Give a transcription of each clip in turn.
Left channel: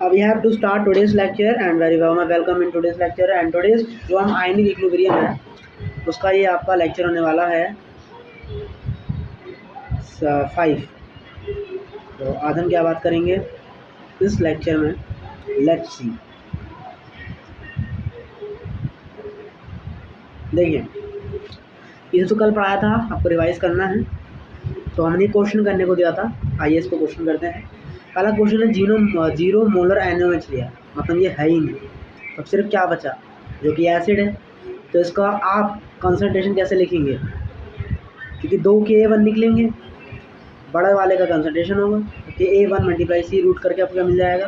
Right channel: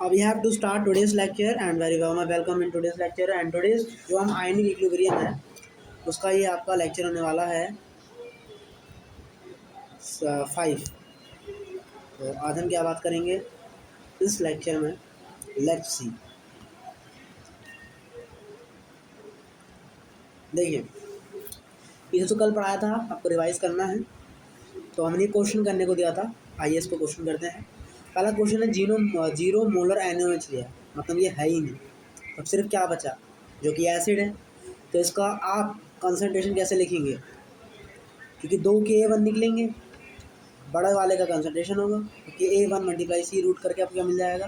We have to start today's lecture and very warm welcome in today's lecture and today's जो हम ionic equilibrium है उसका ये आपका लेक्चर होने वाला है 5। तो आज हम क्या बात करेंगे इस लेक्चर में, लेट्स सी। देखिए, इसे तो कल पढ़ाया था, आपको रिवाइज करना है। तो हमने क्वेश्चन करने को दिया था, आइए इसको क्वेश्चन करते हैं। पहला क्वेश्चन है जीरो मोलर NaOH लिया, मतलब ये है ही नहीं। अब सिर्फ क्या बचा, जो कि एसिड है। तो इसका आप कंसंट्रेशन कैसे लिखेंगे, क्योंकि 2 Ka1 निकलेंगे, बड़े वाले का कंसंट्रेशन होगा। Ka1 मल्टीप्लाई C रूट करके आपको क्या मिल जाएगा,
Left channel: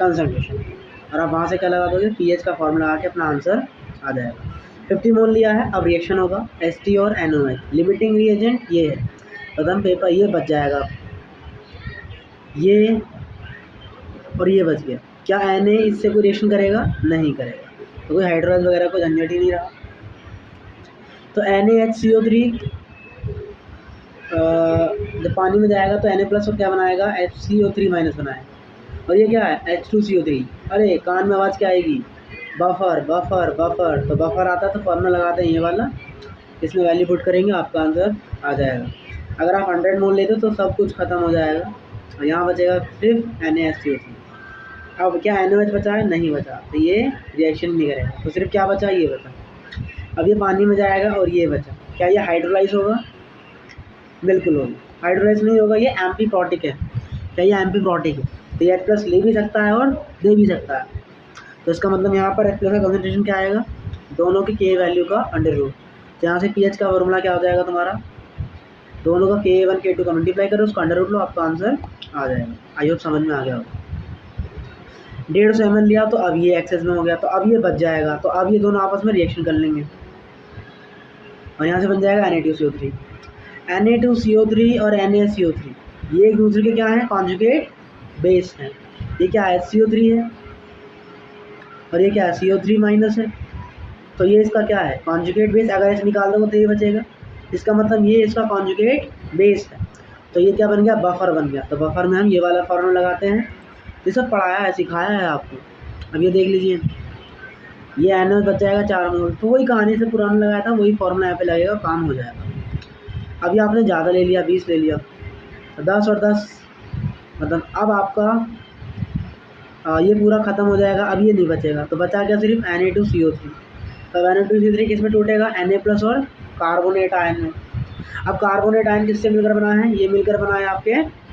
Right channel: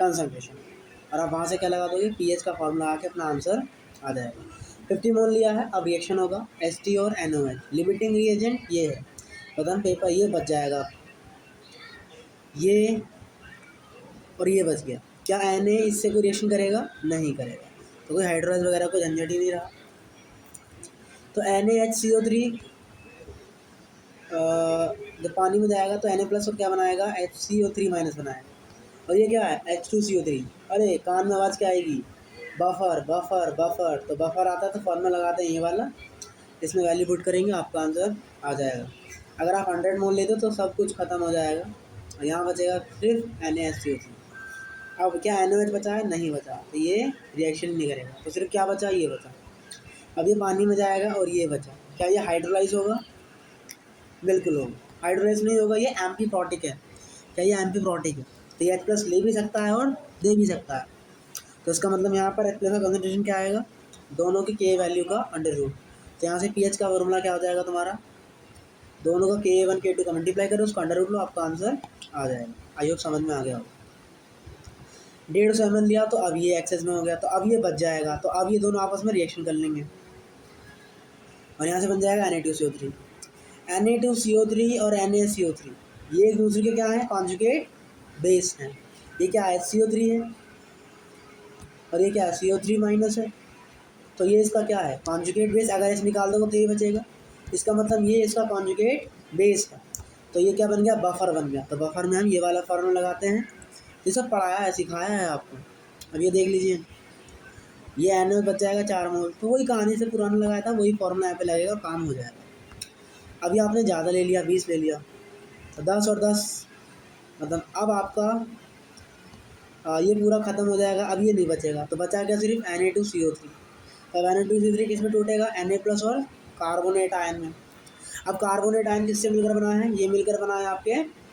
कंसंट्रेशन। और आप वहाँ से क्या लगा दोगे, pH का फॉर्मूला लगा के अपना आंसर आ जाएगा। 50 मोल लिया है, अब रिएक्शन होगा Ht और NOH। लिमिटिंग रिएजेंट ये है, प्रथम पेपर ये बच जाएगा, ये और ये बच गया। क्या Na इससे कोई रिएक्शन करेगा, नहीं करेगा, तो कोई हाइड्रोलाइज वगैरह को झंझट ही नहीं रहा। तो NaHCO3 जब पानी में जाएगा तो Na प्लस और क्या बनाएगा, HCO3 माइनस बनाएगा। और ये क्या है, H2CO3। अरे कान में आवाज़ क्या आएगी, बफर बफर बफर। तो बफर आता है तो फॉर्मूला लगाते हैं ये वाला, इसमें वैल्यू पुट करेंगे, आपका आंसर आ जाएगा। अगर आप 100 मोल लेते तो सब कुछ ख़त्म हो जाएगा और यहाँ बचेगा सिर्फ NaHCO3। अब क्या NaOH बचा है, नहीं बचा, तो ये रिएक्शन नहीं करेगा। तो सिर्फ क्या बचा, ये बचा। अब ये पानी में जाएगा और ये बचा, क्या ये हाइड्रोलाइज होगा, बिल्कुल होगा। हाइड्रोलाइज नहीं होगा, ये एम्फीप्रोटिक है। क्या ये एम्फीप्रोटिक है, तो ये H प्लस ले भी सकता है और दे भी सकता है। तो इसका मतलब यहाँ पर H प्लस का कंसंट्रेशन क्या आएगा, दोनों की K वैल्यू का अंडर रूट। तो यहाँ से pH का फॉर्मूला क्या हो जाएगा तुम्हारा, दोनों का K1 K2 का मल्टीप्लाई करो, उसका अंडर रूट लो, आपका आंसर आ जाएगा। आई होप समझ में आ गया होगा। 150 ml लिया तो अब ये एक्सेस में हो गया, तो अब ये बच जाएगा। तो अब ये दोनों आपस में रिएक्शन कर लेंगे और यहाँ से बन जाएगा Na2CO3। Na2CO3 और NaCO3 ये एक दूसरे के क्या है, कॉन्जुगेट बेस है। ये क्या है, CO3 है और ये क्या है, CO3 माइनस है। तो ये इसका क्या है, कॉन्जुगेट बेस। अगर ऐसे निकाल दो तो ये बचेगा, इसका मतलब ये इसका कॉन्जुगेट बेस है। तो ये क्या बन गया, बफर बन गया। तो बफर में हम ये वाला फॉर्मूला लगाते हैं, ये सब पढ़ाया है, सिखाया है आपको। अब ये देख लीजिए, ये NaOH बच जाएगा 4 मोल। तो वही कहानी से पुराना लगाया था, वही फॉर्मूला यहाँ पे लगेगा, काम हो जाएगा। अभी आपने ज़्यादा ले लिया, 20 ले लिया, तो 10 और 10 मतलब अब आपका ये पूरा ख़त्म हो जाएगा। अब ये नहीं बचेगा, तो बचा क्या, सिर्फ Na2CO3। तो Na2CO3 किस में टूटेगा, Na प्लस और कार्बोनेट आयन में। अब कार्बोनेट आयन किससे मिलकर बना है, ये मिलकर बना है आपके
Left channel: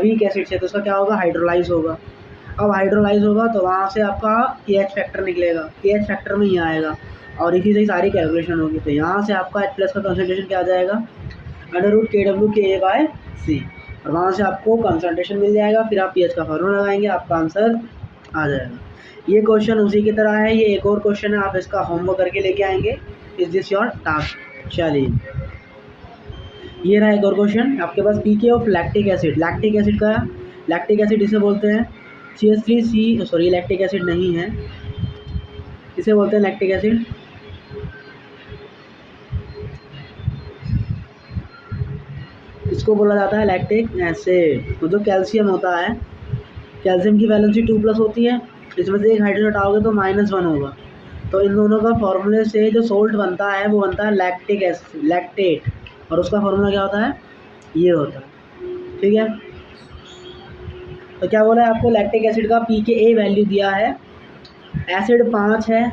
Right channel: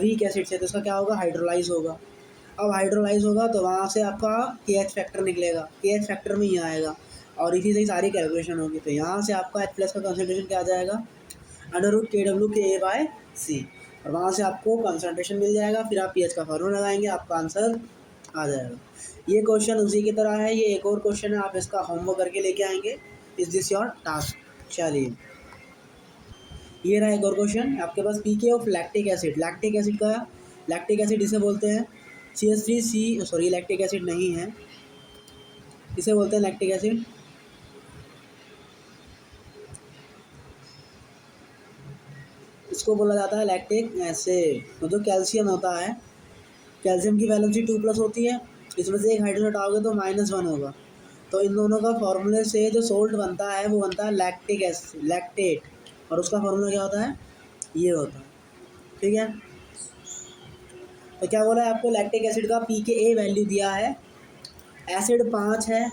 वीक एसिड से। तो उसका क्या होगा, हाइड्रोलाइज होगा। अब हाइड्रोलाइज होगा तो वहाँ से आपका KH फैक्टर निकलेगा, KH फैक्टर में ही आएगा और इसी से ही सारी कैलकुलेशन होगी। तो यहाँ से आपका H प्लस का कंसंट्रेशन क्या आ जाएगा, अंडर रूट KWKA/C। और वहाँ से आपको कंसंट्रेशन मिल जाएगा। फिर आप pH का फॉर्मूला लगाएंगे, आपका आंसर आ जाएगा। ये क्वेश्चन उसी की तरह है। ये एक और क्वेश्चन है, आप इसका होमवर्क करके लेके आएंगे। Is this your task. चलिए, ये रहा एक और क्वेश्चन आपके पास, pKa of lactic acid. Lactic acid का, लैक्टिक एसिड इसे बोलते हैं CH3C, सॉरी लैक्टिक एसिड नहीं है, इसे बोलते हैं लैक्टिक एसिड। इसको बोला जाता है लैक्टिक एसिड। तो जो कैल्शियम होता है, कैल्शियम की वैलेंसी 2+ होती है, इसमें से एक हाइड्रोजन हटाओगे तो -1 होगा। तो इन दोनों का फॉर्मूले से जो सोल्ट बनता है वो बनता है लैक्टिक एसिड, लैक्टेट। और उसका फॉर्मूला क्या होता है, ये होता है, ठीक है। तो क्या बोला है आपको, लैक्टिक एसिड का pKa वैल्यू दिया है, एसिड 5 है,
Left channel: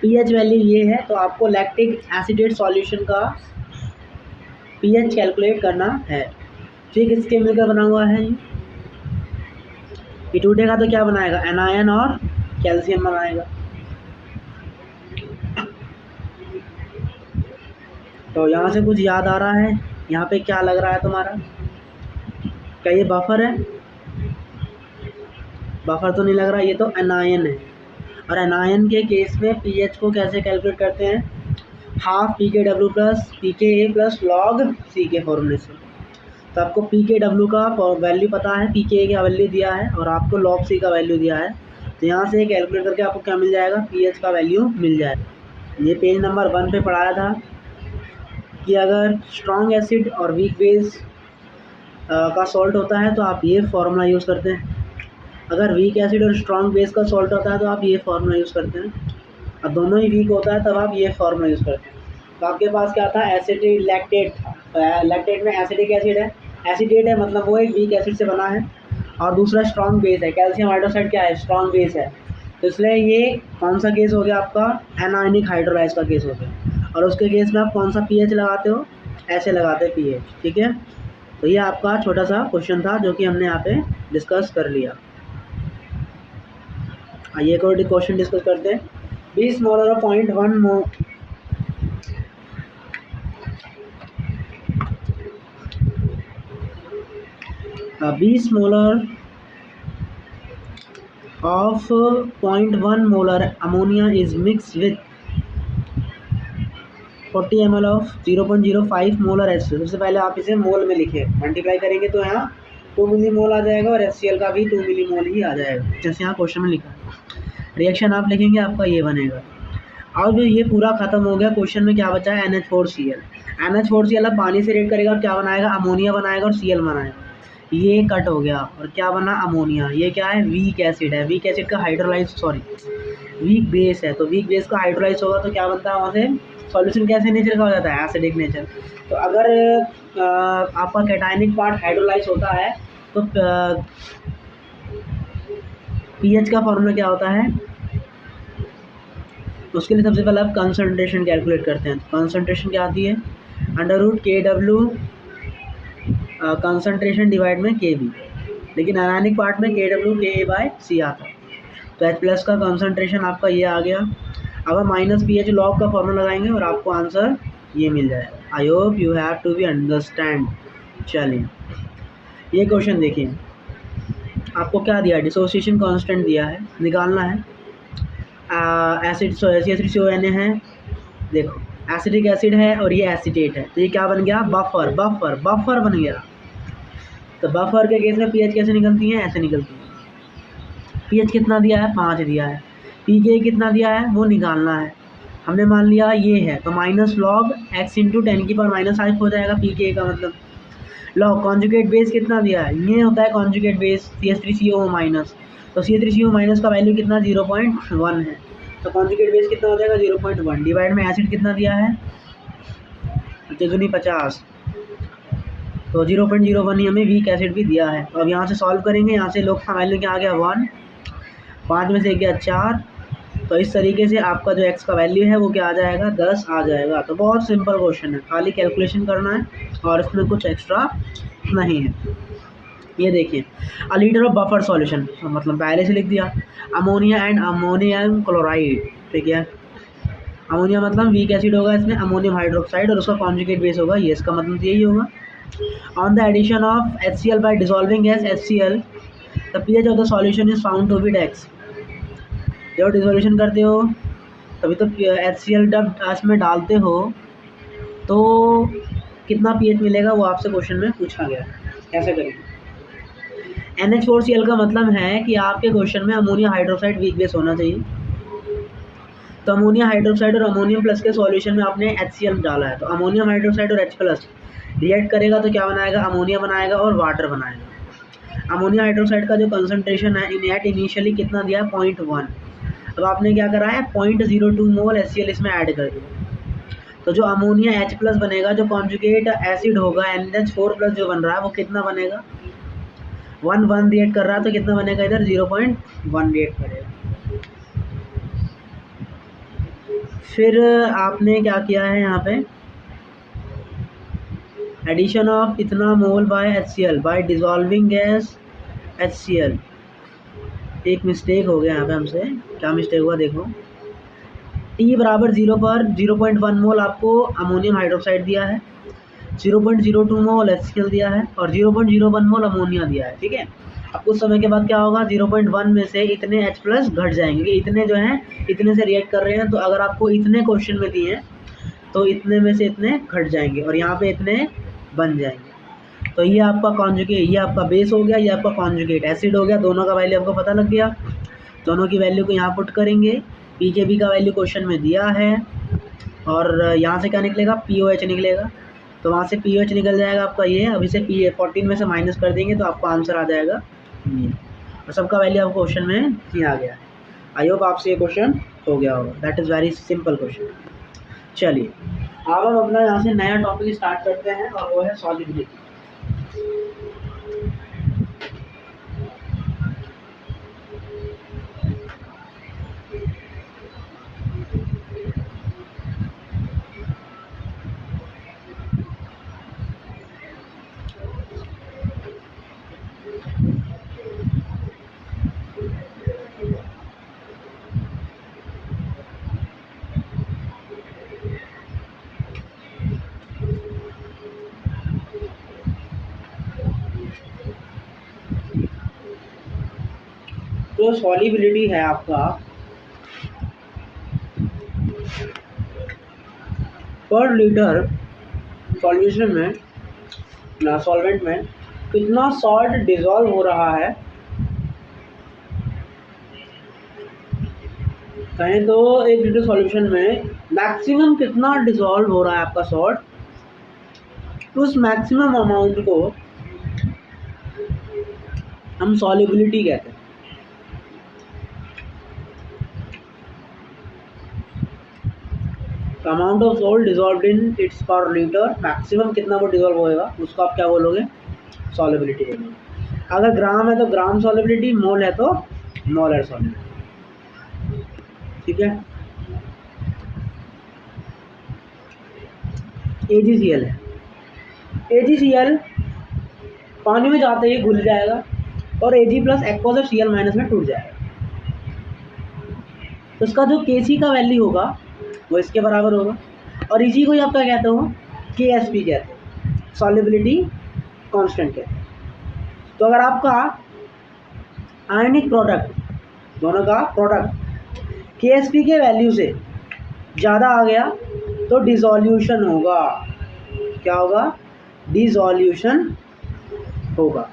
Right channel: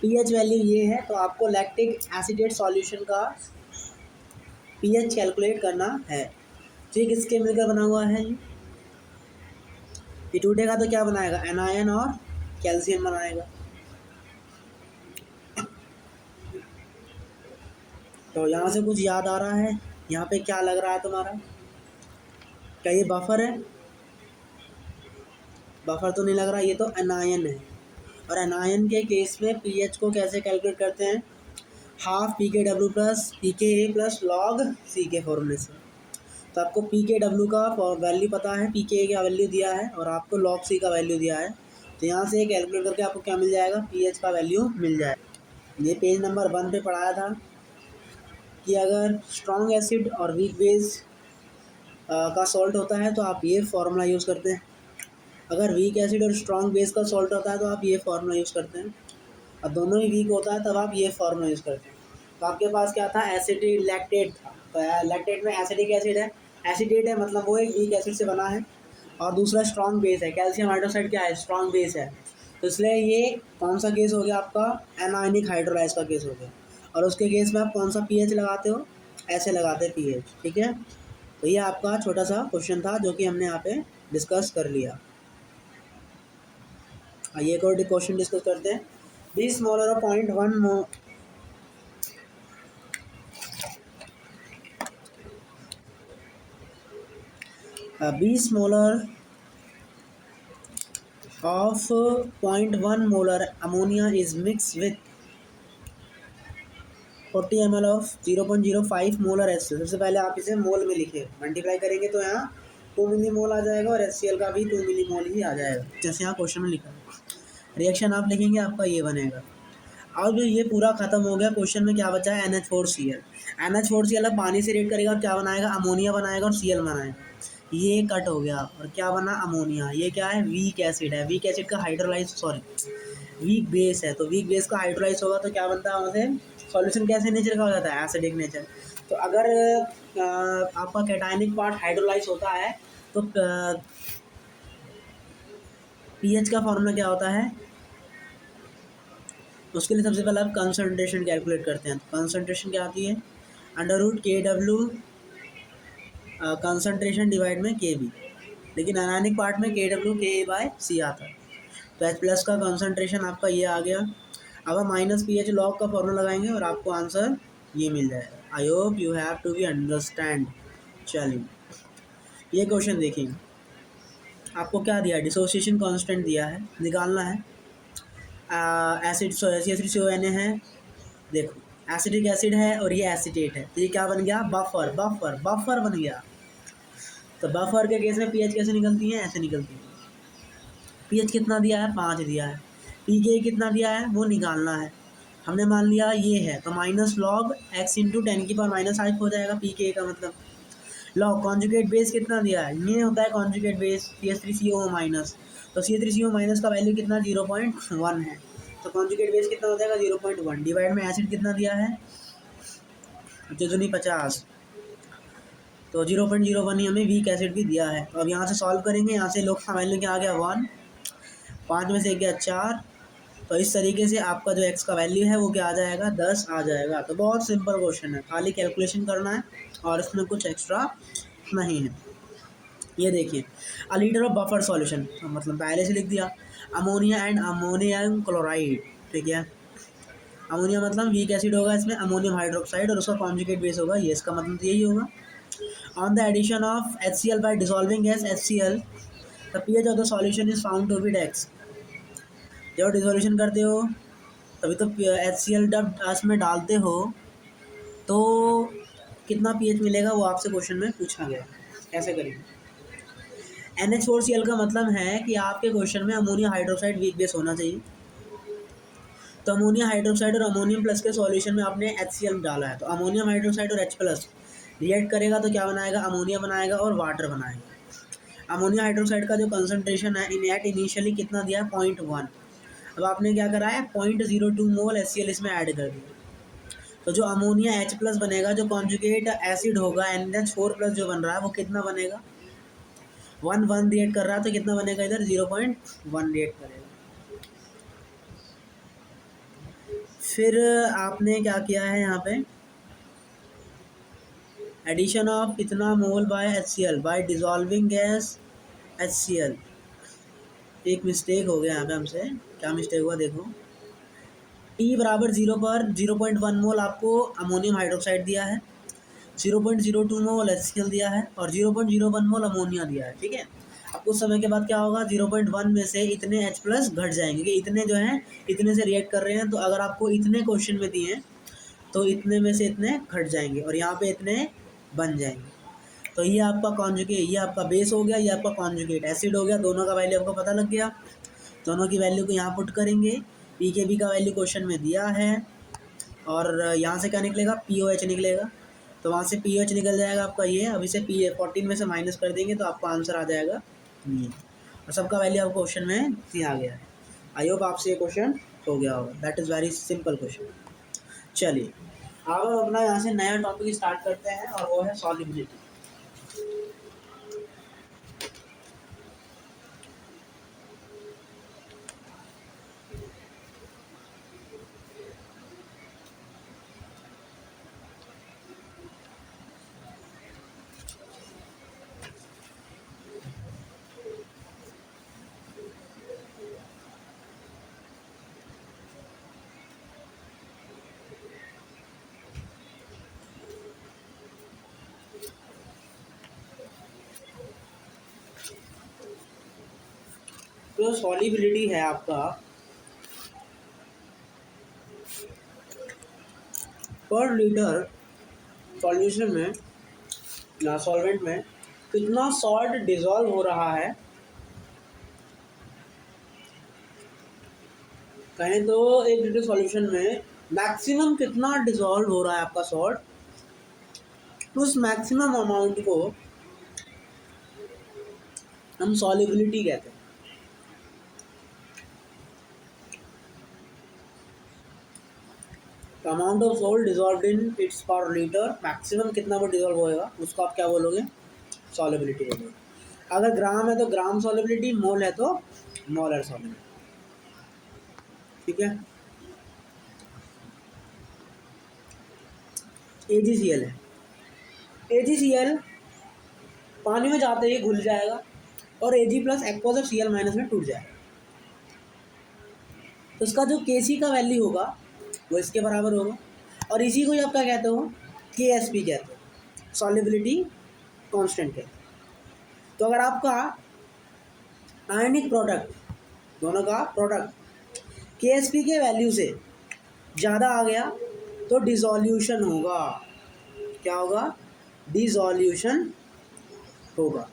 pH वैल्यू ये है। तो आपको लैक्टिक एसिडेट सॉल्यूशन का pH कैलकुलेट करना है। ठीक, इसके मिलकर बना हुआ है। ये टूटेगा तो क्या बनाएगा, एनायन और कैल्शियम बनाएगा। तो यहाँ से कुछ याद आ रहा है, यहाँ पे क्या लग रहा है तुम्हारा, क्या ये बफर है, बफर तो नहीं लग रहा, ये तो एनायन है। और एनायन के केस में pH को कैसे कैलकुलेट करते हैं, half pKw plus pKa plus log C के फॉर्मूले से। तो आपको pKw का वैल्यू पता है, pKa का वैल्यू दिया है और आपको log C का वैल्यू दिया है। तो यहाँ से कैलकुलेट करके आपको क्या मिल जाएगा, pH का वैल्यू मिल जाएगा। ये पेज नंबर 1 पे पढ़ाया था कि अगर स्ट्रॉन्ग एसिड और वीक बेस का सॉल्ट होता है तो आप ये फॉर्मूला यूज़ करते हैं। अगर वीक एसिड और स्ट्रॉन्ग बेस का सॉल्ट होता है तो आप ये फार्मूला यूज़ करते हैं, और दोनों ही वीक होता है तब आप ये फार्मूला यूज़ करते हैं। तो आपके पास क्या था, एसिटेट लैक्टेट था। लैक्टेट में एसिडिक एसिड है, एसिडेट है मतलब वो एक वीक एसिड से बना है, और दूसरा स्ट्रॉन्ग बेस है। कैल्शियम हाइड्रोक्साइड क्या है, स्ट्रॉन्ग बेस है। तो इसलिए ये कौन सा केस हो गया आपका, एनायनिक हाइड्रोलाइज का केस हो गया। और उसके केस में आप कौन सा पीएच लगाते हो, ऐसे लगाते हैं पीएच, ठीक है। तो ये आपका छोटा सा क्वेश्चन था जो कि हमने यहाँ पे डिस्कस कर लिया। आइए एक और क्वेश्चन डिस्कस करते हैं। 20 मोलर और 0.1 मोल 20 molar of 0.1 molar ammonia is mixed with 40 ml of 0.05 molar HCl। सबसे पहले आप इसे मोल में लिखे, मल्टीप्लाई करेंगे तो यहाँ 2 मिली मोल आ जाएगा और HCl का भी 2 मिली मोल ही आ जाएगा, जैसे यहाँ क्वेश्चन में लिखा। रिएक्शन आप लिखेंगे आपका ये बनेगा। अब ये पूरा खत्म हो गया, क्वेश्चन में क्या बचा है, NH4Cl। NH4Cl अब पानी से रिएक्ट करेगा, क्या बनाएगा, अमोनिया बनाएगा और Cl बनाएगा। ये कट हो गया और क्या बना, अमोनिया। ये क्या है, वीक एसिड है। वीक एसिड का वीक बेस है, तो वीक बेस का हाइड्रोलाइज होगा तो क्या बनता है वहाँ से, सॉल्यूशन कैसे नेचर का हो जाता है, एसिडिक नेचर। तो अगर आपका कैटायनिक पार्ट हाइड्रोलाइज होता है तो पीएच का फॉर्मूला क्या होता है, उसके लिए सबसे पहले आप कंसंट्रेशन कैलकुलेट करते हैं। कंसंट्रेशन क्या आती है, √KW कंसंट्रेशन डिवाइड में KB, लेकिन अनायनिक पार्ट में KW KA/C आता है। तो H+ का कंसंट्रेशन आपका ये आ गया। अब हम माइनस पीएच लॉग का फॉर्मूला लगाएंगे और आपको आंसर ये मिल जाएगा। I hope you have to be understand. चलिए ये क्वेश्चन देखिए, आपको क्या दिया है, डिसोसिएशन कांस्टेंट दिया है, निकालना है। एसिड CH3CONA है, देखो एसिडिक एसिड है और ये एसिटेट है, तो ये क्या बन गया, बफर बन गया। तो बफर के केस में पीएच कैसे निकलती है, ऐसे निकलती है। पीएच कितना दिया है, 5 दिया है। पीके कितना दिया है वो निकालना है। हमने मान लिया ये है, तो माइनस लॉग x इंटू 10⁻⁵ हो जाएगा पीके का मतलब। लॉग कॉन्जुगेट बेस कितना दिया है, ये होता है कॉन्जुगेट बेस CH3CO माइनस। तो CH3CO माइनस का वैल्यू कितना, 0.1 है। तो कॉन्जुगेट बेस कितना हो जाएगा, 0.1 डिवाइड में एसिड कितना दिया है, 50, तो 0.01 ही हमें वीक एसिड भी दिया है। तो अब यहाँ से सॉल्व करेंगे, यहाँ से लोग का वैल्यू क्या आ गया, 1, 5 में से गया 4। तो इस तरीके से आपका जो x का वैल्यू है वो क्या आ जाएगा, 10 आ जाएगा। तो बहुत सिंपल क्वेश्चन है, खाली कैलकुलेशन करना है और इसमें कुछ एक्स्ट्रा नहीं है। ये देखिए, अ लीटर ऑफ बफर सॉल्यूशन, तो मतलब पहले से लिख दिया, अमोनिया एंड अमोनियम क्लोराइड, ठीक है। अमोनिया मतलब वीक एसिड होगा, इसमें अमोनियम हाइड्रोक्साइड और उसका कॉन्जुगेट बेस होगा, ये इसका मतलब यही होगा। On the addition of HCl by dissolving gas HCl, the pH of the solution is found to be x। जब डिसोल्यूशन करते हो तभी तो HCl जब इसमें डालते हो तो कितना पीएच मिलेगा, वो आपसे क्वेश्चन में पूछा गया। कैसे करेंगे, NH4Cl का मतलब है कि आपके क्वेश्चन में अमोनिया हाइड्रोक्साइड वीक बेस होना चाहिए। तो अमोनिया हाइड्रोक्साइड और अमोनियम प्लस के सॉल्यूशन में आपने HCl डाला है, तो अमोनियम हाइड्रोक्साइड और H+ रिएक्ट करेगा तो क्या बनाएगा, अमोनिया बनाएगा और वाटर बनाएगा। अमोनिया हाइड्रोक्साइड का जो कंसंट्रेशन है इनिशियली कितना दिया है, 0.1। अब आपने क्या करा है, 0.02 मोल HCl इसमें ऐड कर दिया। तो जो अमोनिया H+ बनेगा, जो कॉन्जुगेट एसिड होगा NH4+ जो बन रहा है वो कितना बनेगा, 1 रिएक्ट कर रहा है तो कितना बनेगा, इधर 0.1 रिएक्ट करेगा। फिर आपने क्या किया है, यहाँ पे एडिशन ऑफ इतना mole by HCl by dissolving gas HCl। एक मिस्टेक हो गया यहाँ पे हमसे, क्या मिस्टेक हुआ देखो, T बराबर 0 पर 0.1 मोल आपको अमोनियम हाइड्रोक्साइड दिया है, 0.02 मोल HCl दिया है और 0.01 मोल अमोनिया दिया है, ठीक है। अब कुछ समय के बाद क्या होगा, 0.1 में से इतने H+ घट जाएंगे, क्योंकि इतने जो हैं इतने से रिएक्ट कर रहे हैं। तो अगर आपको इतने क्वेश्चन में दिए हैं तो इतने में से इतने घट जाएंगे और यहाँ पे इतने बन जाएंगे। तो ये आपका कॉन्जुगेट, ये आपका बेस हो गया, ये आपका कॉन्जुगेट एसिड हो गया। दोनों का वैल्यू आपको पता लग गया, दोनों की वैल्यू को यहाँ पुट करेंगे। PKB का वैल्यू क्वेश्चन में दिया है और यहाँ से क्या निकलेगा, POH निकलेगा। तो वहाँ से POH निकल जाएगा आपका ये। अब इसे 14 में से माइनस कर देंगे तो आपका आंसर आ जाएगा ये। तो सबका वैल्यू आपको क्वेश्चन में नहीं आ गया है। आई होप आपसे ये क्वेश्चन हो गया होगा। That is very simple question. चलिए अब हम अपना यहाँ से नया टॉपिक स्टार्ट करते हैं और वो है सॉल्युबिलिटी। तो सॉल्युबिलिटी है आपका पर लीटर सॉल्यूशन में ना सॉल्वेंट में कितना सॉल्ट डिसॉल्व हो रहा है। कहें तो 1 लीटर सॉल्यूशन में मैक्सिमम कितना डिसॉल्व हो रहा है आपका सॉल्ट, तो उस मैक्सिमम अमाउंट को हम सॉल्युबिलिटी कहते हैं। Amount of salt dissolved in its पर लीटर, मैक्सिमम कितना वो डिसॉल्व होएगा उसको आप क्या बोलोगे, सॉल्युबिलिटी बोलोगे। अगर ग्राम है तो ग्राम सॉल्युबिलिटी, मोल है तो मोलर सॉल्युबिलिटी। ठीक है। AgCl है, AgCl पानी में जाते ही घुल जाएगा और Ag plus aqueous of Cl minus में टूट जाएगा। तो इसका जो Kc का वैल्यू होगा वो इसके बराबर होगा और इसी को ही आप क्या कहते हो, KSP कहते हैं, सॉल्युबिलिटी कांस्टेंट कहते हैं। तो अगर आपका आयनिक प्रोडक्ट, दोनों का प्रोडक्ट KSP के वैल्यू से ज़्यादा आ गया तो डिसॉल्यूशन होगा। क्या होगा, डिसॉल्यूशन होगा।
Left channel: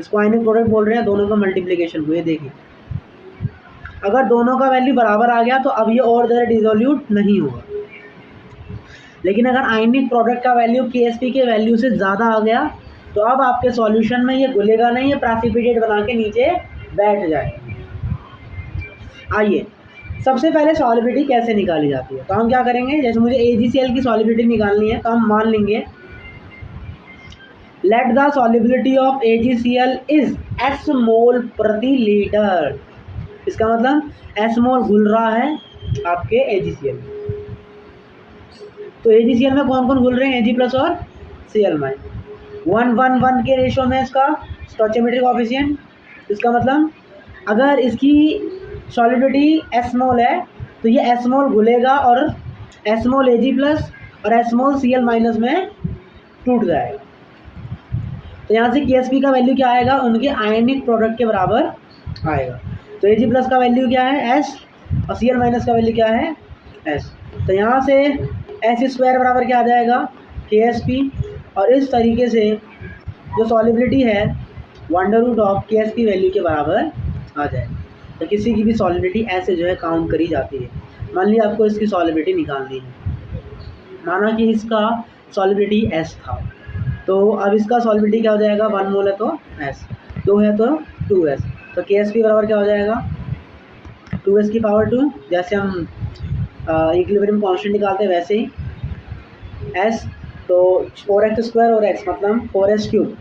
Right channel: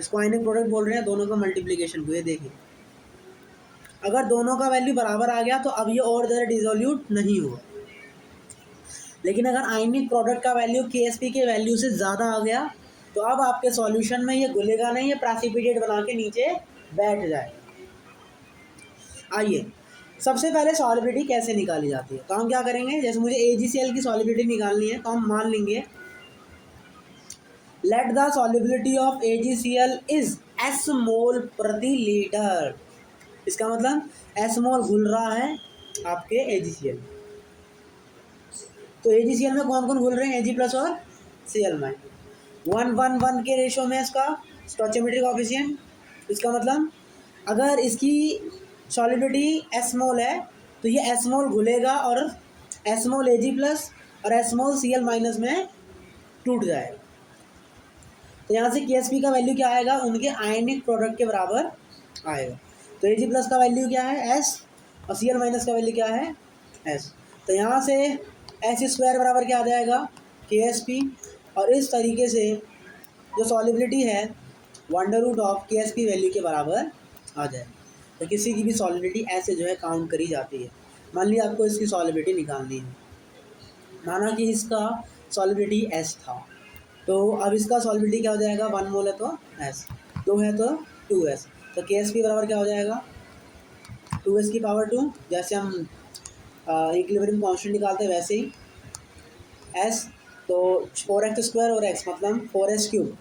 इसको आयनिक प्रोडक्ट बोल रहे हैं, दोनों का मल्टीप्लिकेशन को। ये देखिए अगर दोनों का वैल्यू बराबर आ गया तो अब ये और ज़्यादा डिसॉल्यूट नहीं होगा। लेकिन अगर आयनिक प्रोडक्ट का वैल्यू KSP के वैल्यू से ज़्यादा आ गया तो अब आपके सॉल्यूशन में ये घुलेगा नहीं, ये प्रेसिपिटेट बना के नीचे बैठ जाएगा। आइए सबसे पहले सॉल्युबिलिटी कैसे निकाली जाती है, तो हम क्या करेंगे, जैसे मुझे AgCl की सॉल्युबिलिटी निकालनी है तो हम मान लेंगे let the solubility of AgCl is S मोल प्रति लीटर। इसका मतलब S मोल घुल रहा है आपके AgCl में। तो AgCl में कौन कौन घुल रहे हैं, Ag प्लस और Cl माइनस। 1:1 के रेशो में इसका स्टोइचोमेट्रिक कोएफिशिएंट। इसका मतलब अगर इसकी सॉल्युबिलिटी S मोल है तो ये S मोल घुलेगा और S मोल Ag प्लस और S मोल Cl माइनस में टूट जाएगा। तो यहाँ से KSP का वैल्यू क्या आएगा, उनके आयनिक प्रोडक्ट के बराबर आएगा। तो Ag प्लस का वैल्यू क्या है S और Cl माइनस का वैल्यू क्या है S। तो यहाँ से S स्क्वायर बराबर क्या आ जाएगा, KSP। और इस तरीके से जो सॉल्युबिलिटी है under root of KSP value के बराबर आ जाएगा। तो किसी की भी सॉल्युबिलिटी ऐसे जो है काउंट करी जाती है। मान लिया आपको इसकी सॉल्युबिलिटी निकालनी है, माना कि इसका सॉल्युबिलिटी S था, तो अब इसका सॉल्युबिलिटी क्या हो जाएगा, 1 मोल है तो S, 2 है तो 2S। तो KSP बराबर क्या हो जाएगा, 2S की पावर 2। जैसे हम इक्विलिब्रियम कांस्टेंट निकालते हैं वैसे ही S, तो 4x स्क्वायर और x मतलब 4s क्यूब।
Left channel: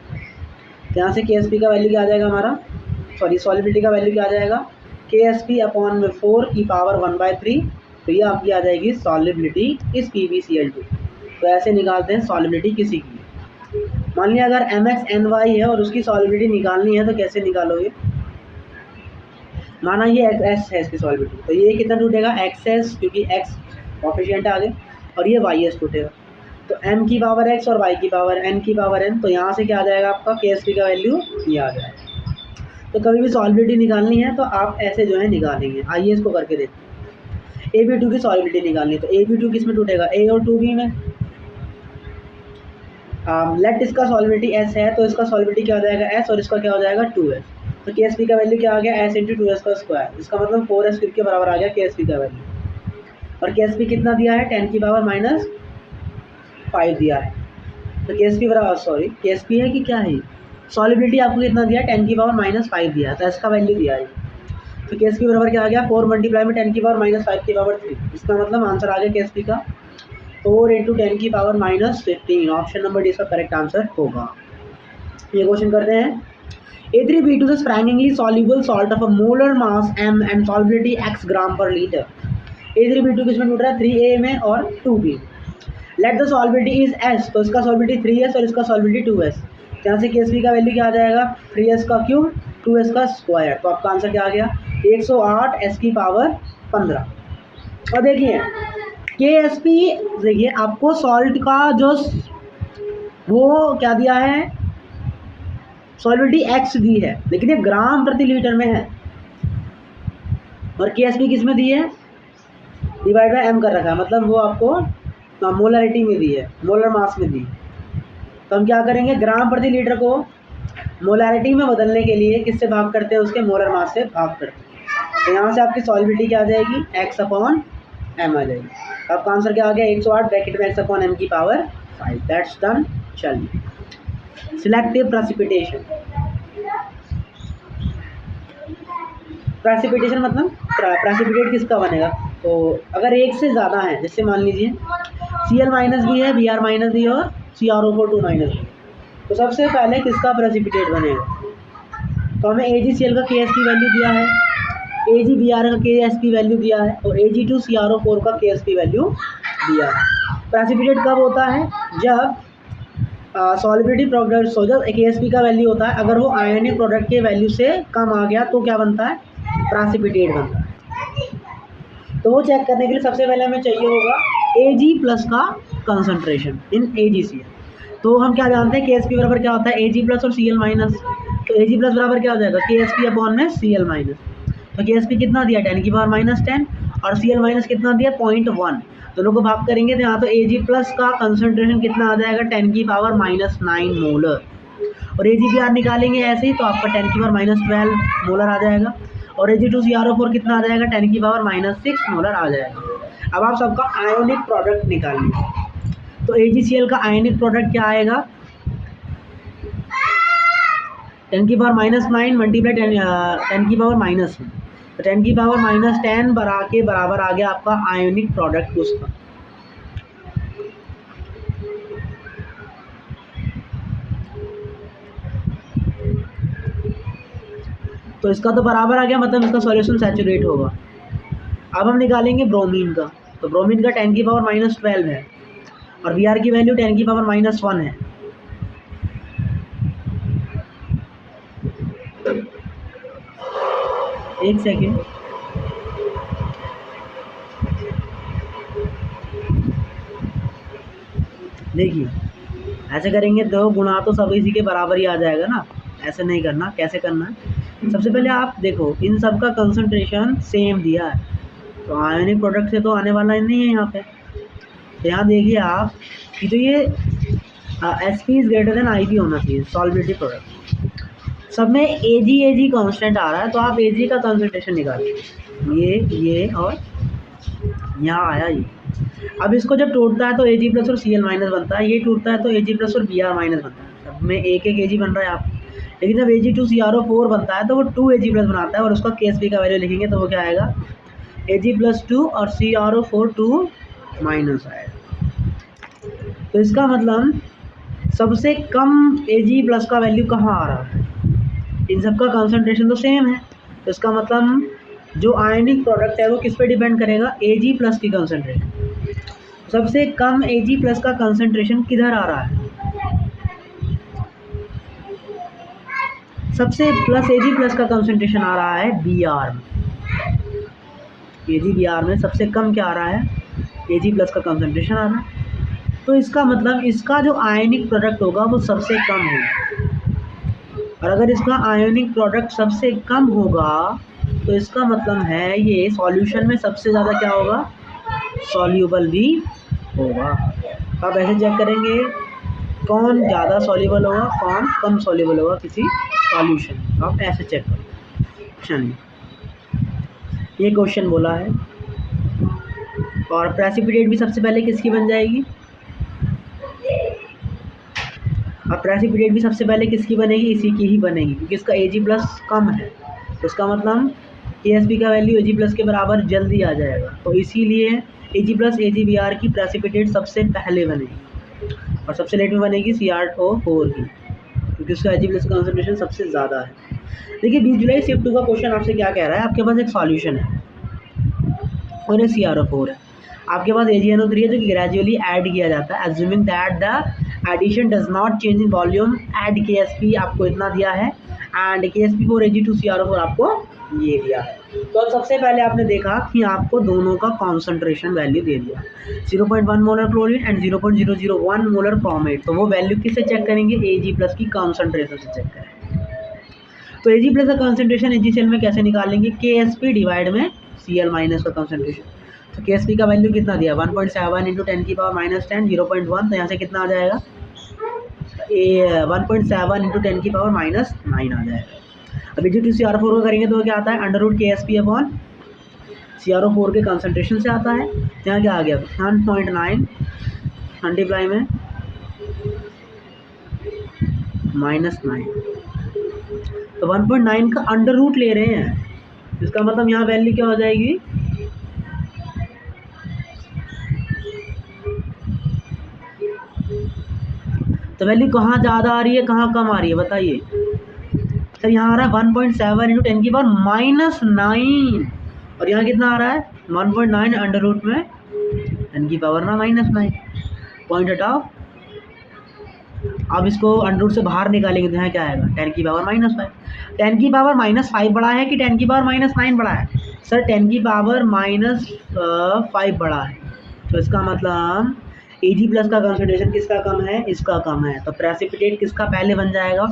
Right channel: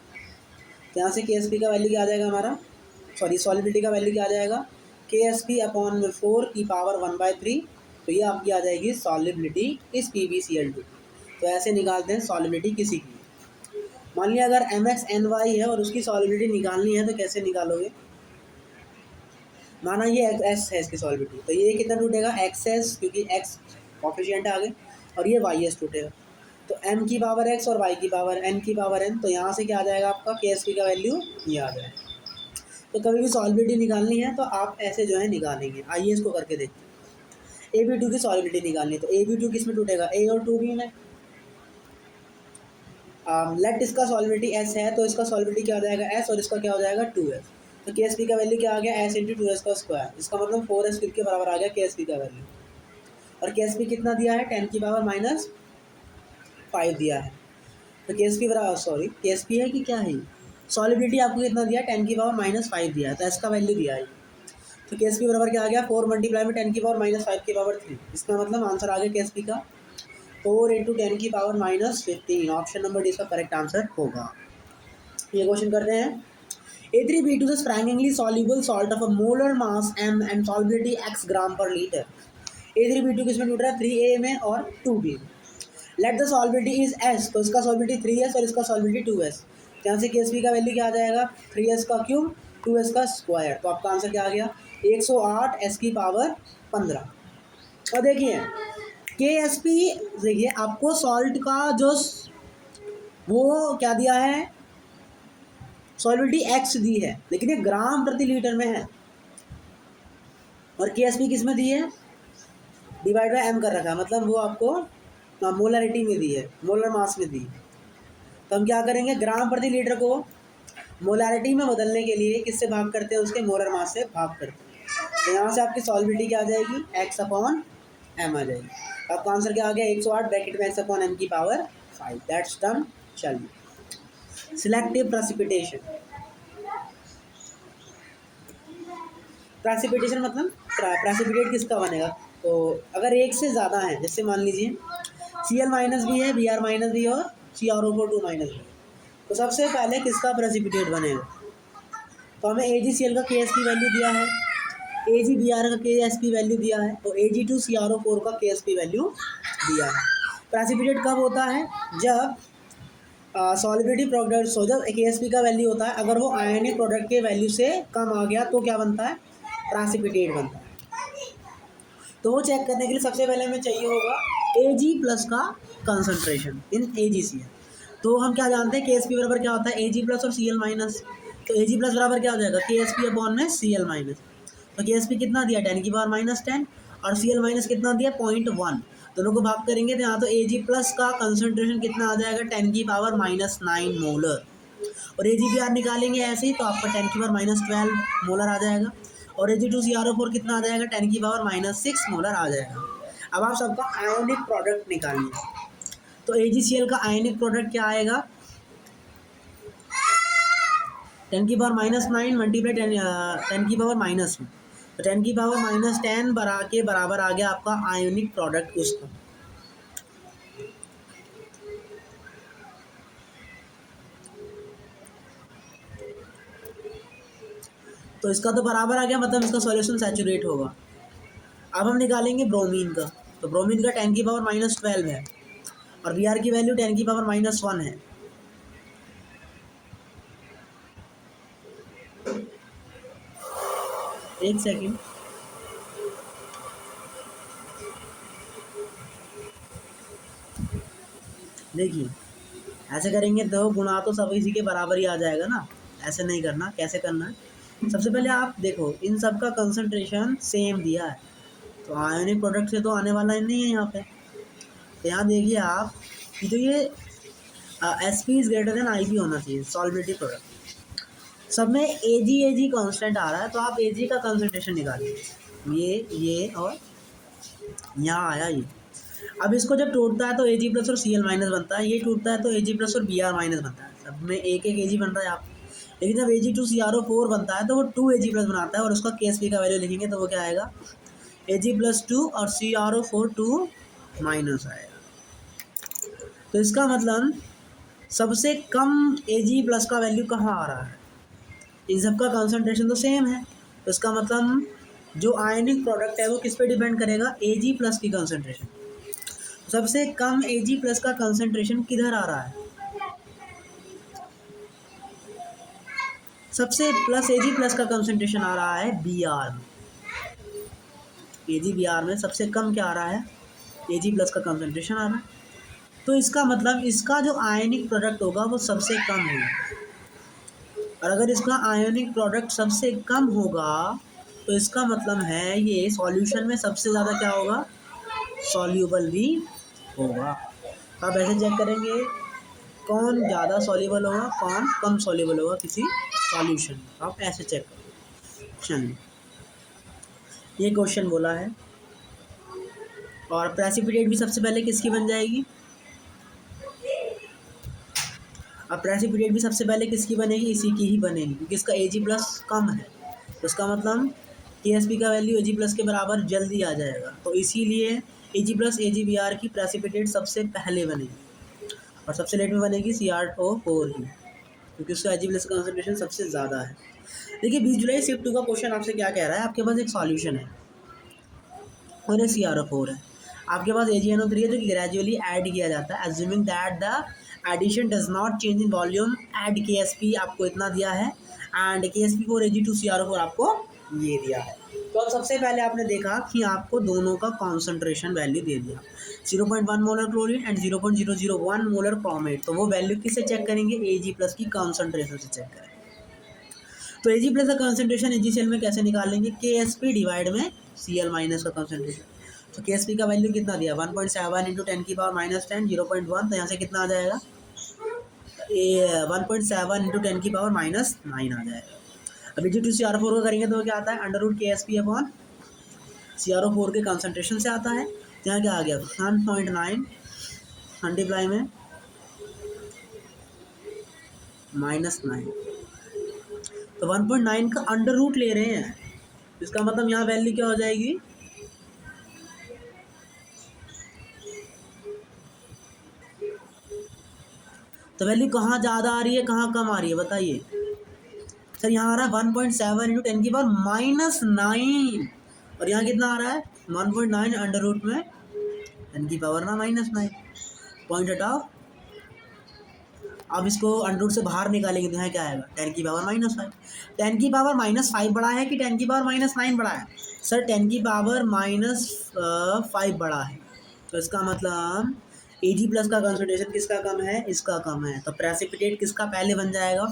यहाँ से KSP का वैल्यू क्या आ जाएगा हमारा, सॉरी सॉल्युबिलिटी का वैल्यू क्या आ जाएगा, KSP अपॉन में 4 की पावर 1/3। तो ये आपकी आ जाएगी सॉल्युबिलिटी इस PbCl2। तो ऐसे निकालते हैं सॉल्युबिलिटी किसी की। मान लिया अगर MxNy है और उसकी सॉल्युबिलिटी निकालनी है तो कैसे निकालोगे, माना ये S है इसकी सॉल्युबिलिटी, तो ये कितना टूटेगा, XS, क्योंकि x कोएफिशिएंट आ गए, और ये YS टूटेगा। तो m की पावर x और y की पावर n की पावर n। तो यहाँ से क्या आ जाएगा आपका KSP का वैल्यू ये आ जाएगा। तो कभी भी सॉल्युबिलिटी निकालनी है तो आप ऐसे जो है निकालेंगे। आइए इसको करके देखते हैं। AB2 की सॉल्युबिलिटी निकालनी है तो AB2 किस में टूटेगा, A और 2B में। लेट इसका सॉल्युबिलिटी S है तो इसका सॉल्युबिलिटी क्या हो जाएगा S और इसका क्या हो जाएगा 2S। तो KSP का वैल्यू क्या आ गया, S इंटू 2S का स्क्वायर। इसका मतलब 4S क्यूब के बराबर आ गया KSP का वैल्यू। और KSP कितना दिया है, 10 की पावर -5 दिया है। तो KSP बराबर, सॉरी KSP है कि क्या है, सॉलिबिलिटी आपको कितना दिया, 10⁻⁻5 दिया, तो इसका वैल्यू दिया है। तो केस पी बराबर क्या आ गया, 4 मल्टीप्लाई में 10⁻⁵ इसका मतलब आंसर आ गया केस पी का 4 × 10⁻⁻15। ऑप्शन नंबर डी इसका करेक्ट आंसर होगा। ये क्वेश्चन करते हैं। A3B2 is fractionally soluble salt of a molar mass m and solubility x ग्राम पर लीटर। A3B2 किसमें टूट रहा है, 3A में और 2B। Let the solubility is S, तो इसका सॉल्बिलिटी 3S और इसका सॉल्बिलिटी 2S। यहाँ से केस का वैल्यू क्या आ जाएगा, 3S का क्यूब 2S का स्क्वायर। तो आपका आंसर क्या आ गया, 108 S की पावर 15। और देखिए KSP, देखिए आपको सॉल्ट का जो वो क्या दिया है, सॉल्बिलिटी x दी है, लेकिन ये ग्राम प्रति लीटर में है। और KSP किस में दी है, डिवाइड बाय m कर रखा है, मतलब वो आपको मोलरिटी में दी है, मोलर मास में दी। तो हम क्या करेंगे, ग्राम प्रति लीटर को मोलरिटी में बदलने के लिए किससे भाग करते हैं, उसके मोलर मास से भाग करते हैं। तो यहाँ से आपकी सॉल्बिलिटी क्या आ जाएगी, x/m आ जाएगी। आपका आंसर क्या आ गया, 108 ब्रैकेट में x/m की पावर 5। That's done. चलिए सिलेक्टिव प्रेसिपिटेशन। प्रेसिपिटेशन मतलब प्रेसिपिटेट किसका बनेगा, तो अगर एक से ज़्यादा है, जैसे मान लीजिए Cl माइनस भी है, Br माइनस भी है और CrO4 2 माइनस भी, तो सबसे पहले किसका प्रेसिपिटेट बनेगा। तो हमें AgCl का KSP वैल्यू दिया है, AgBr का KSP वैल्यू दिया है और Ag2CrO4 का KSP वैल्यू दिया है। प्रेसिपिटेट कब होता है, जब सॉलिबिलिटी प्रोडक्ट, जब KSP का वैल्यू होता है, अगर वो आयनिक प्रोडक्ट के वैल्यू से कम आ गया तो क्या बनता है, प्रेसिपिटेट बनता है। तो वो चेक करने के लिए सबसे पहले हमें चाहिए होगा Ag+ का कंसंट्रेशन इन AgCl। तो हम क्या जानते हैं, KSP बराबर क्या होता है, Ag+ और Cl-। तो Ag+ बराबर क्या हो जाएगा, KSP/Cl-। तो KSP कितना दिया, 10⁻10 और Cl- कितना दिया, 0.1। दोनों को भाग करेंगे तो यहाँ तो Ag+ का कंसंट्रेशन कितना आ जाएगा, 10⁻⁹ मोलर। और Ag/Br निकालेंगे ऐसे ही, तो आपका 10⁻12 मोलर आ जाएगा। और Ag2CrO4 कितना आ जाएगा, 10⁻6 मोलर आ जाएगा। अब आप सबका आयोनिक प्रोडक्ट निकालिए। तो AgCl का आयोनिक प्रोडक्ट क्या आएगा, 10⁻9 मल्टीप्लाई 10⁻−1, तो 10⁻−10 के बराबर आ गया आपका आयोनिक प्रोडक्ट उसका। तो इसका तो बराबर आ गया, मतलब इसका सॉल्यूशन सैचुरेट होगा। अब हम निकालेंगे ब्रोमीन का। तो ब्रोमीन का 10⁻12 है और Br की वैल्यू 10⁻−1 है। एक सेकेंड, देखिए ऐसे करेंगे तो गुणा तो सब इसी के बराबर ही आ जाएगा ना, ऐसे नहीं करना। कैसे करना है, सबसे पहले आप देखो इन सब का कंसंट्रेशन सेम दिया है, तो आयोनिक प्रोडक्ट से तो आने वाला ही नहीं है यहाँ पे। तो यहाँ देखिए आप कि तो ये SP is greater than IB होना चाहिए, सॉल्बिलिटी प्रोडक्ट। सब में Ag कांस्टेंट आ रहा है, तो आप Ag का कंसंट्रेशन निकालिए, ये और यहाँ आया ये। अब इसको जब टूटता है तो Ag+ और Cl- बनता है, ये टूटता है तो Ag+ और Br- बनता है। सब में एक Ag बन रहा है आप, लेकिन जब Ag2CrO4 बनता है तो वो 2 Ag+ बनाता है और उसका KSP का वैल्यू लिखेंगे तो वो क्या आएगा, Ag+2 और CrO4 2- आएगा। तो इसका मतलब सबसे कम Ag+ का वैल्यू कहाँ आ रहा है, इन सब का कंसंट्रेशन तो सेम है, तो इसका मतलब जो आयनिक प्रोडक्ट है वो किस पे डिपेंड करेगा, Ag+ की कंसंट्रेशन। सबसे कम Ag+ का कंसंट्रेशन किधर आ रहा है, सबसे प्लस Ag+ का कंसंट्रेशन आ रहा है Br में। Ag/Br में सबसे कम क्या आ रहा है, Ag+ का कंसंट्रेशन आ रहा है। तो इसका मतलब इसका जो आयनिक प्रोडक्ट होगा वो सबसे कम होगा, और अगर इसका आयोनिक प्रोडक्ट सबसे कम होगा तो इसका मतलब है ये सॉल्यूशन में सबसे ज़्यादा क्या होगा, सॉल्यूबल भी होगा। आप ऐसे चेक करेंगे कौन ज़्यादा सॉल्यूबल होगा, कौन कम सॉल्यूबल होगा किसी सॉल्यूशन, आप ऐसे चेक करो। चलिए ये क्वेश्चन बोला है। और प्रेसिपिटेट भी सबसे पहले किसकी बन जाएगी, अब प्रेसिपिटेट भी सबसे पहले किसकी बनेगी, इसी की ही बनेगी, क्योंकि इसका Ag प्लस कम है, तो इसका मतलब KSP का वैल्यू Ag प्लस के बराबर जल्दी आ जाएगा, तो इसीलिए Ag प्लस AgBr की प्रेसिपिटेट सबसे पहले बनेगी और सबसे लेट में बनेगी CrO4 की, क्योंकि उसका Ag प्लस कॉन्सेंट्रेशन सबसे ज़्यादा है। देखिए 20 जुलाई शिफ्ट 2 का क्वेश्चन आपसे क्या कह रहा है, आपके पास एक सॉल्यूशन है और ये CrO4 है, आपके पास AgNO3 है जो कि ग्रेजुअली ऐड किया जाता है, assuming that the addition does not change in volume, add KSP आपको इतना दिया है एंड KSP4 Ag2CrO4 आपको ये दिया है। तो अब सबसे पहले आपने देखा कि आपको दोनों का कॉन्सेंट्रेशन वैल्यू दे दिया, 0.1 molar chlorine and 0.001 molar chromate, तो वो वैल्यू किससे चेक करेंगे, Ag प्लस की कॉन्सेंट्रेशन से चेक करेंगे। तो Ag प्लस का कॉन्सेंट्रेशन AgCl में कैसे निकालेंगे, KSP डिवाइड में Cl माइनस का कॉन्सेंट्रेशन, तो KSP का वैल्यू कितना दिया 1.7 इंटू 10 की पावर माइनस 10 0.1, तो यहाँ से कितना आ जाएगा 1.7 इंटू 10 की पावर माइनस 9 आ जाएगा। अब Ag2CrO4 का करेंगे तो क्या आता है under root KSP upon CrO4 के कॉन्सेंट्रेशन से आता है, यहाँ क्या आ गया 1.9 मल्टीप्लाई में -9, तो 1.9 का अंडर रूट ले रहे हैं, इसका मतलब यहाँ वैल्यू क्या हो जाएगी, तो वैल्यू कहाँ ज़्यादा आ रही है कहाँ कम आ रही है बताइए सर, यहाँ आ रहा है 1.7 इंटू 10 की पावर -9 और यहाँ कितना आ रहा है 1.9 अंडर रूट में 10 की पावर ना -9, पॉइंट हटाओ, अब इसको अंडर रूट से बाहर निकालेंगे तो यहाँ क्या आएगा 10 की पावर -5, 10 की पावर -5 बड़ा है कि 10 की पावर -9 बड़ा है, सर 10 की पावर -5 बड़ा है, तो इसका मतलब Ag प्लस का कंसंट्रेशन किसका कम है, इसका कम है, तो प्रेसिपिटेट किसका पहले बन जाएगा,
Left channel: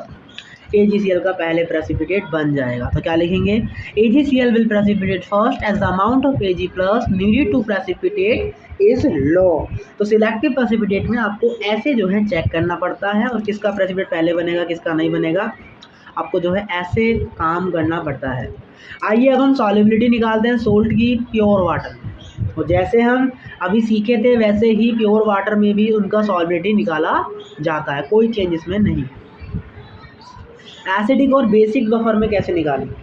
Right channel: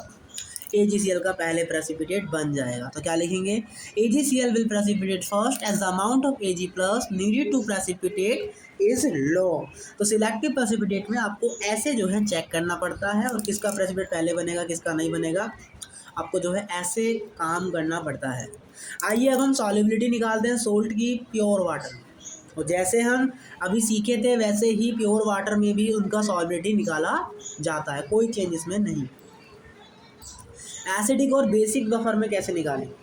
AgCl का पहले प्रेसिपिटेट बन जाएगा, तो क्या लिखेंगे AgCl will precipitate first as the amount of Ag plus needed to precipitate is low, तो सिलेक्टिव प्रेसिपिटेट में आपको ऐसे जो है चेक करना पड़ता है और किसका प्रेसिपिटेट पहले बनेगा किसका नहीं बनेगा, आपको जो है ऐसे काम करना पड़ता है। आइए अब हम सॉल्युबिलिटी निकालते हैं सोल्ट की प्योर वाटर में, तो जैसे हम अभी सीखे थे वैसे ही प्योर वाटर में भी उनका सॉल्युबिलिटी निकाला जाता है, कोई चेंज इसमें नहीं। एसिडिक और बेसिक बफर में कैसे निकालेंगे,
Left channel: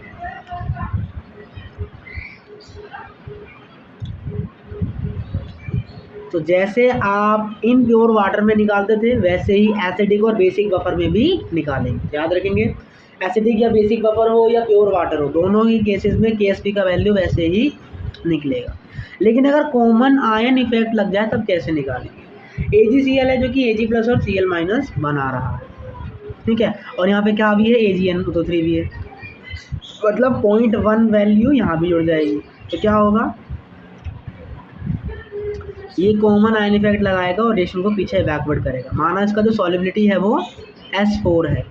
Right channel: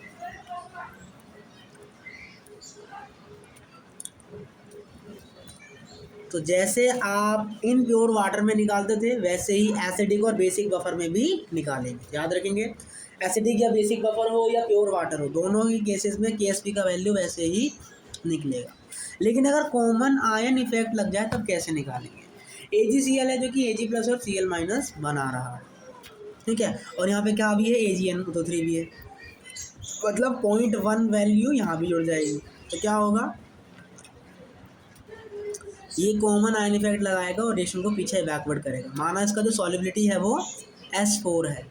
तो जैसे आप इन प्योर वाटर में निकालते थे वैसे ही एसिडिक और बेसिक बफर में भी निकालेंगे, याद रखेंगे एसिडिक या बेसिक बफर हो या प्योर वाटर हो दोनों ही केसेस में KSP का वैल्यू वैसे ही निकलेगा। लेकिन अगर कॉमन आयन इफेक्ट लग जाए तब कैसे निकालेंगे, AgCl है जो कि Ag प्लस और Cl माइनस बना रहा है, ठीक है, और यहाँ पे क्या भी है AgNO3 भी है, मतलब 0.1 वैल्यू यहाँ भी जुड़ जाएगी, तो क्या होगा ये कॉमन आयन इफेक्ट लगाएगा और रेशो को पीछे बैकवर्ड करेगा, माना इसका जो सॉल्युबिलिटी है वो S4 है,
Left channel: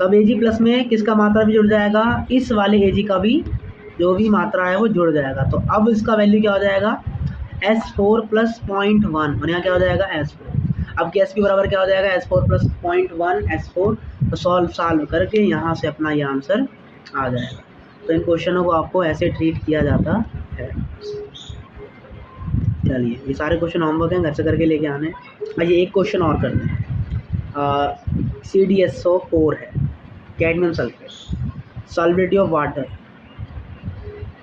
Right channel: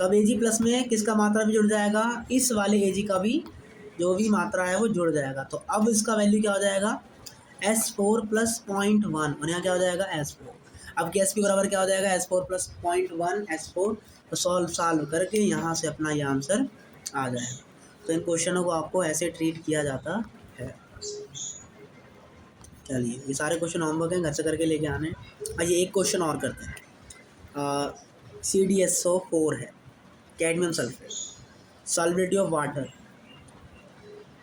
तब Ag प्लस में किसका मात्रा भी जुड़ जाएगा, इस वाले Ag का भी जो भी मात्रा है वो जुड़ जाएगा, तो अब इसका वैल्यू क्या हो जाएगा S4 प्लस 0.1 और यहाँ क्या हो जाएगा S4, अब KSP बराबर क्या हो जाएगा S4 प्लस 0.1 S4, तो सॉल्व करके यहाँ से अपना ये आंसर आ जाएगा। तो इन क्वेश्चनों को आपको ऐसे ट्रीट किया जाता है। चलिए ये सारे क्वेश्चन होमवर्क हैं घर से करके लेके आने। आइए एक क्वेश्चन और करते हैं, CdSO4 है cadmium sulphate, solubility of water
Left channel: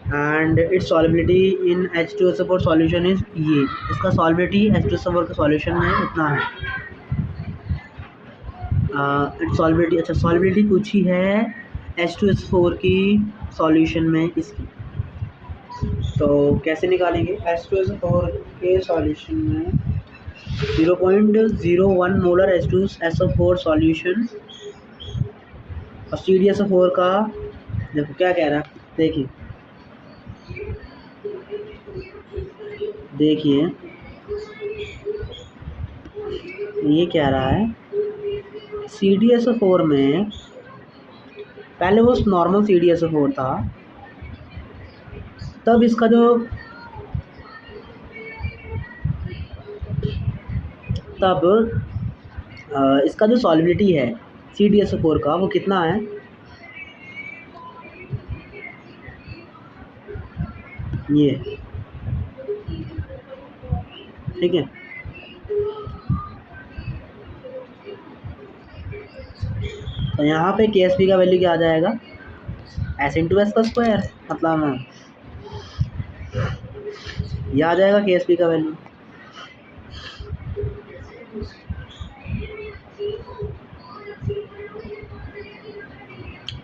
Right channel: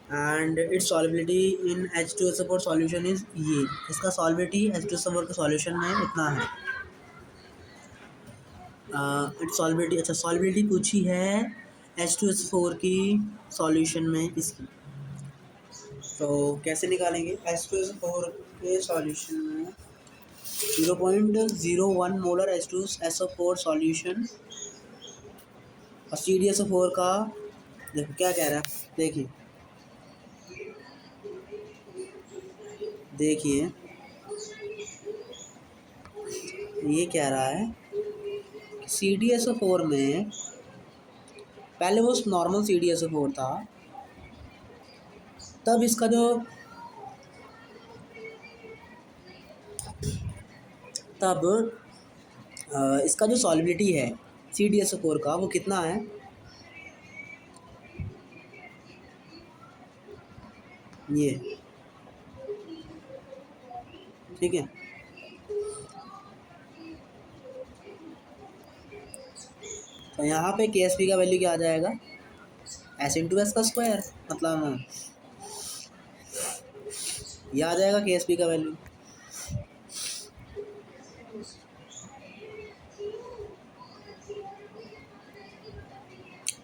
and it's solubility in H2SO4 solution is ये, इसका सॉल्युबिलिटी H2SO4 के सॉल्यूशन में इतना है, इट्स सॉल्युबिलिटी, अच्छा सॉल्युबिलिटी पूछी है H2SO4 की सॉल्यूशन में इसकी, तो कैसे निकालेंगे H2SO4 के सॉल्यूशन में 0.01 मोलर H2SO4 सॉल्यूशन और CdSO4 का देखो क्या कह रहा है, देखिए ये कह रहा है CdSO4 में पहले वो नॉर्मल CdSO4 था, तब इसका जो इसका जो सॉल्युबिलिटी है CdSO4 का वो कितना है, ये ठीक है, तो यहाँ पे के एस पी का वैल्यू क्या आ जाएगा, एस इंटू एस का स्क्वायर, मतलब ये आ जाएगा के एस पी का वैल्यू।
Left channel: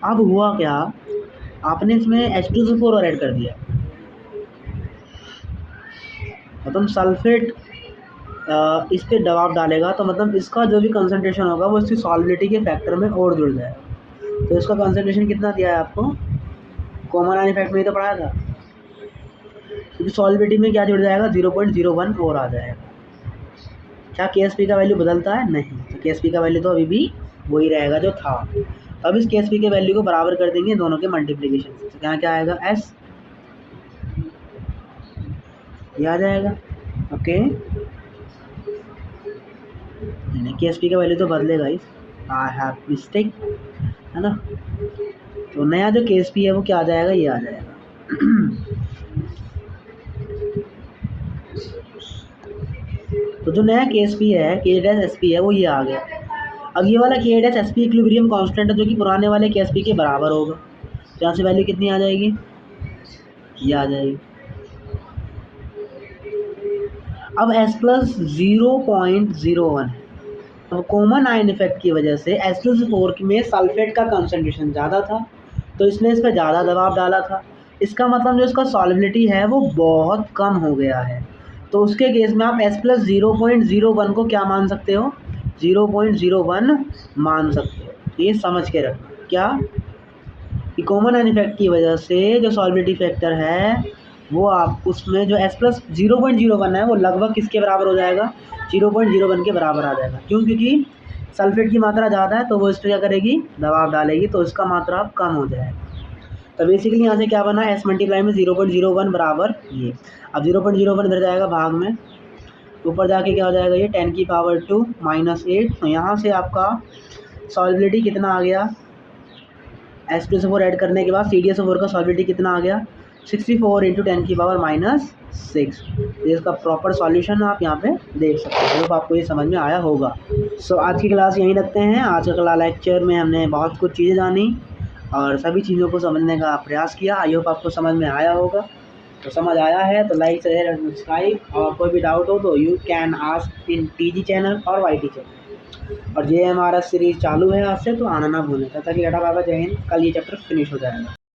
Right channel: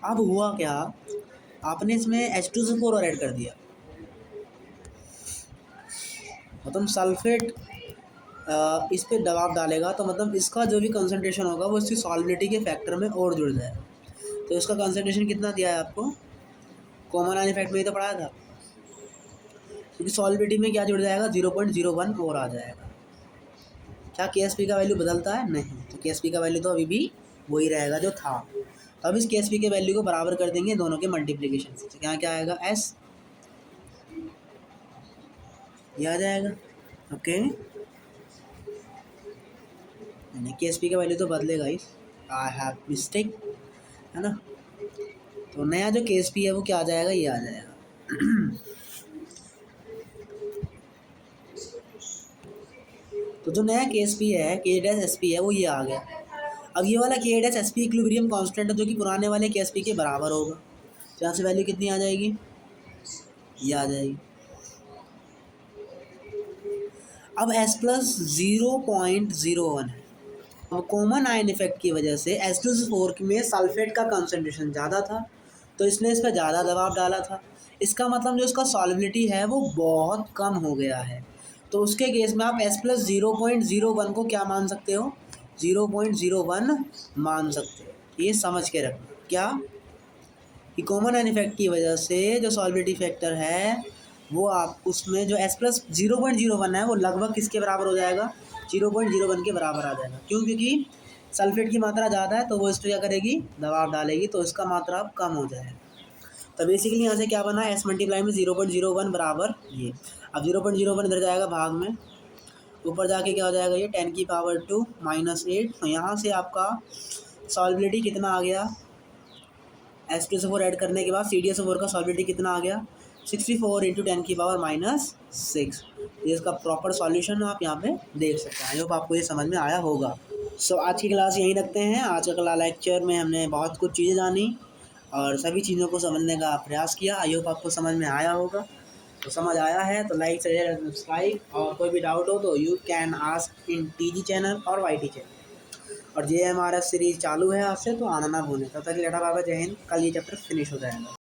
अब हुआ क्या, आपने इसमें H2SO4 और ऐड कर दिया, मतलब सल्फेट इस पे दबाव डालेगा तो मतलब इसका जो भी कंसंट्रेशन होगा वो इसकी सॉल्बिलिटी के फैक्टर में और जुड़ जाएगा। तो इसका कंसंट्रेशन कितना दिया है आपको, कॉमन आयन इफेक्ट में ही तो पढ़ाया था, क्योंकि सॉल्बिलिटी में क्या जुड़ जाएगा, 0.01 और आ जाएगा। क्या के एस पी का वैल्यू बदलता है, नहीं, तो के एस पी का वैल्यू तो अभी भी वही रहेगा जो था। अब इस के एस पी के वैल्यू को बराबर कर देंगे दोनों के मल्टीप्लिकेशन से, तो क्या क्या आएगा, एस, ये आ जाएगा। ओके, नहीं के एस पी का वैल्यू तो बदलेगा ही, आई हैव मिस्टेक, है ना। तो नया जो के एस पी है वो क्या आ जाएगा, ये आ जाएगा। तो जो नया के एस पी है, के डैश एस पी है, वो ये आ गया। अब ये वाला के dash S P equilibrium constant है जो कि पुराने वाले के एस पी के बराबर होगा। तो यहाँ से वैल्यू कितनी आ जाएगी, ये आ जाएगी। अब S प्लस 0.01 है। अब कॉमन आयन इफेक्ट की वजह से H2SO4 में सल्फेट का कंसंट्रेशन ज़्यादा था, तो इसने इस पर ज़्यादा दबाव डाला था। इसका मतलब जो इसका सॉल्बिलिटी है वो बहुत कम हो गया है। तो उसके केस में आप S प्लस 0.01 को क्या मान सकते हो, 0.01 मान सकते हो। ये समझ के रखना क्या, कि कॉमन आयन इफेक्ट की वजह से जो सॉल्बिलिटी फैक्टर है वो आप उसमें जो S प्लस 0.01 है वो लगभग किसके बराबर हो जाएगा, 0.01 के बराबर आ जाएगा। क्यों, क्योंकि सल्फेट की मात्रा ज़्यादा है तो वो इस पर क्या करेगी, दबाव डालेगी, तो इसका मात्रा अब कम हो जाएगा। तो बेसिकली यहाँ से क्या बना, S मल्टीप्लाई में 0.01 बराबर ये। अब 0.01 इधर जाएगा भाग में, ऊपर जाके क्या हो जाएगा, ये 10⁻² -8। तो यहाँ से आपका सॉल्बिलिटी कितना आ गया, H2SO4 ऐड करने के बाद CdSO4 का सॉल्बिलिटी कितना आ गया, 64 × 10⁻⁻6। ये इसका प्रॉपर सॉल्यूशन आप यहाँ पे देख सकते हैं। तो आपको ये समझ में आया होगा। सो आज की क्लास यहीं रखते हैं। आज का लेक्चर में हमने बहुत कुछ चीज़ें जानी और सभी चीज़ों को समझने का प्रयास किया। आई होप आपको समझ में आया होगा। तो समझ आया है तो लाइक शेयर एंड सब्सक्राइब, और कोई भी डाउट हो तो you can ask in TG channel और YT चैनल। और JMRF सीरीज़ चालू है आज से, तो आना ना भूलें। तब तक टाटा बाय बाय, जय हिंद। कल ये चैप्टर फिनिश हो जाएगा।